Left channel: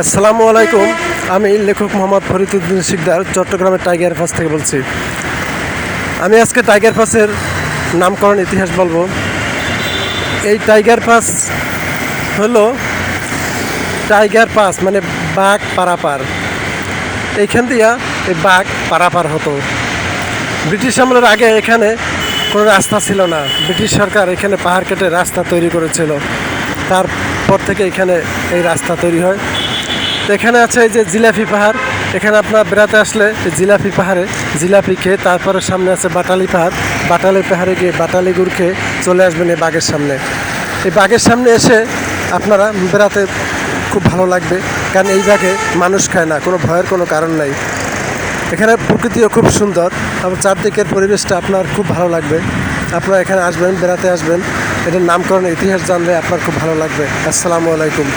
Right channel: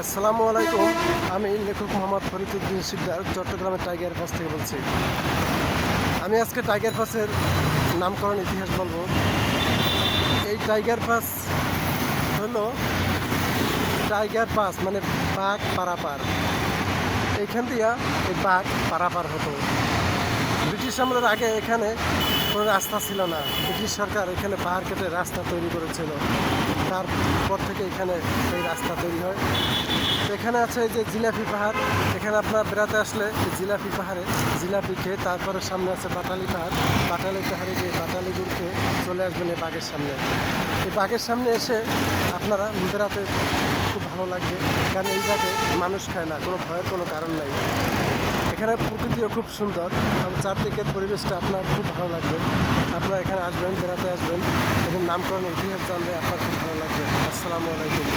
আসসালামু আলাইকুম। আমি লেখক মোহাম্মদ ফরিদউদ্দিন শিকদার চট্টগ্রামের টাইগার পাস থেকে বলছি। আমি আজকে টাইগার পাসের নামকরণ ইতিহাস বলবো। এই টাইগার পাস হলো টাইগার পাস মানে বাঘ পারাপার। এইখান দিয়া এই বাঘ পারাপার হতো। ব্রিটিশ আমলের আগে এখানে কোনো রাস্তা ছিল না। ব্রিটিশ সরকার এখানে পাহাড় কেটে রাস্তা তৈরি করেছিল। তারপর থেকে এখানে এই রাস্তা তৈরি হয়। তো এখানে আছে এই যে জিলাপি পাহাড়। এখানে আপনার বেড়াতে আসলে এই জিলাপি পাহাড়ে জিলাপি খেয়ে তারপরে সামনে আছে বাটালি পাহাড়। বাটালি পাহাড়ে গিয়ে বাটালি গুড় খেয়ে চলে আসবেন এই বাঘের সামনে। এই বাঘের সামনে এসে আপনারা বেড়াতে খুব ভালো লাগবে, কারণ এই বাঘে মানুষ খায় না, কোনো ভয়ের কোনো কারণ নাই। এখানে প্রকৃতিও খুব সুন্দর এবং চারদিকের পরিবেশটা আপনার খুব ভালো লাগবে। আপনারা এখানে আসবেন, বেড়াতে আসবেন, এটার নামকরণ ইতিহাস জানলে আপনার খুব ভালো লাগবে। আসসালামু আলাইকুম।